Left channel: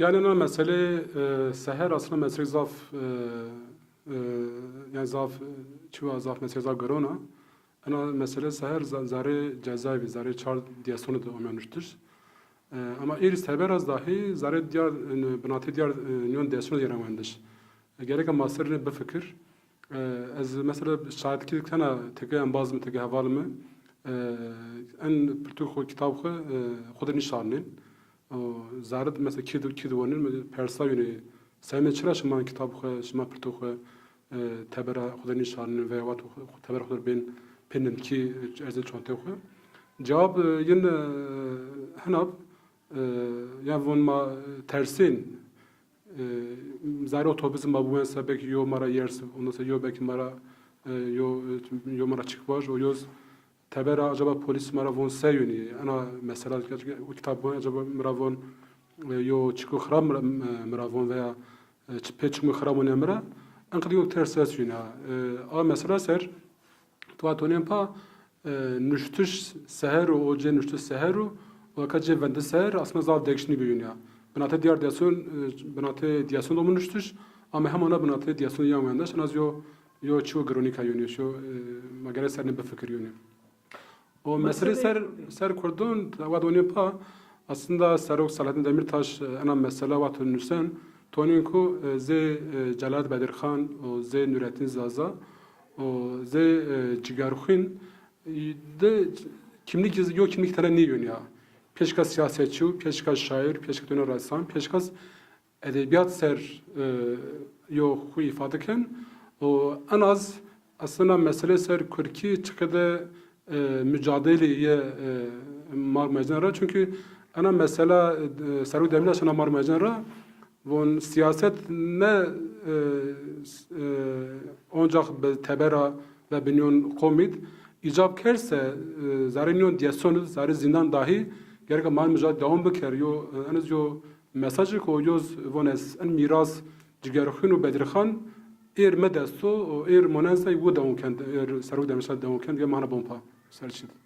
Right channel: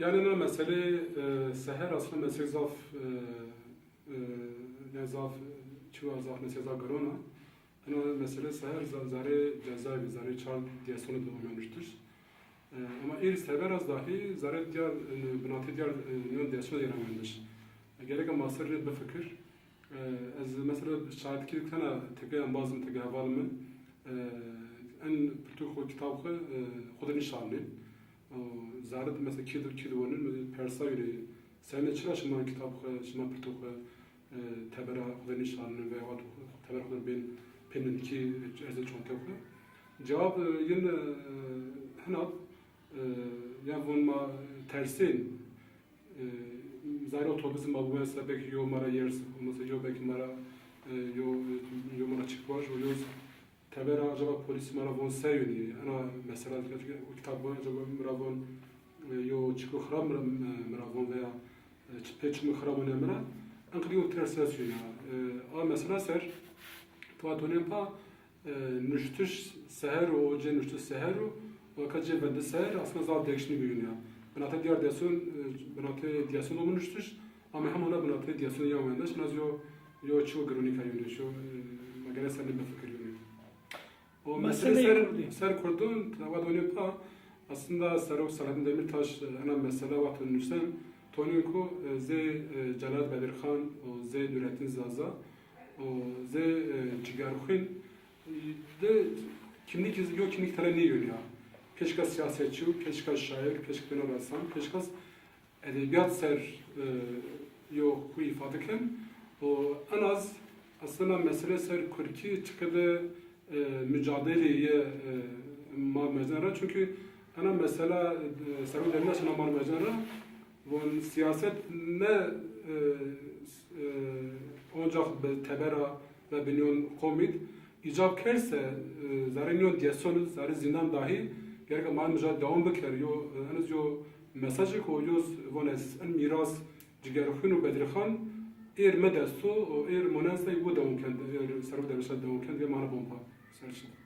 Yani ana mesele seher aslında meslek zaf yani zaf çuva zaf meslek zaf garona. Ana mesele seher zare cezaevi zare çar diye sonu da olmamıştır. Ama iris haber az dahi zare diğer binatı diğer yön diye sonu yaramandır. Gerek masterine bir fikir. Az mesela şahitlik kana tekrar bazı tekrar havalımı en pırtuk kitap خود نشانين زارد مثلا كيد ونين پرسا یعنی سعی چرا شما کتاب خو شما پرتو خو تبر خود نشانين و وقت تبر خود بین پنن کی ارزش چونته خو جواب ین هناب یا ون ما ترسین زار otobüs ma bu mesela belki yo mara yers ondan sonra yo belki mara yo mara çıkmış o yoz تبرا acaba polis maravon seyuni ana mesela o kitap bu acaba maravon yo çıkı xram maravon veya peçik mi xram onu mara anqdiyo ters yuna a mesela ser tuatonem pa nüştüş seher o ce nüştüş seher o kace vende seher aslında zav dekşni bir ya binate diğer diyason binate diyason da nüştüş ama hem ana binate diyason yamandaş az yo çu gronika yuni şu magare serne be fikir yuni o mesele ser kurdun vadoni pa aslında Serok Selahattin Demirtaş ana mesele vatun nüsen toninku ze Celal Bedirhan o ze Nurettin Zaza o ze Cigarxin de kimlik tane ne yön ya peşka siyasetçi peşka şair peşka döner ressam peşka edebiyat ser yo ku ifadeken o en az aslında mesele ser Kürki çıkıdı mücadeleye mar mecnara çünkü ana mesela Serok Demirtaş ana mar mecnara von siyaset ne ancak be tebera ve binyon komit icap kerse zarinyon diyasonu zari zindan dahi gerek mar mücadele devam beker yo anız yo mesajı koyuyoruz von es en miras cigerxin ve bedirxan medesto monensay bu devam kend Serok Demirtaş devam kend ya mana bompa Selçuk.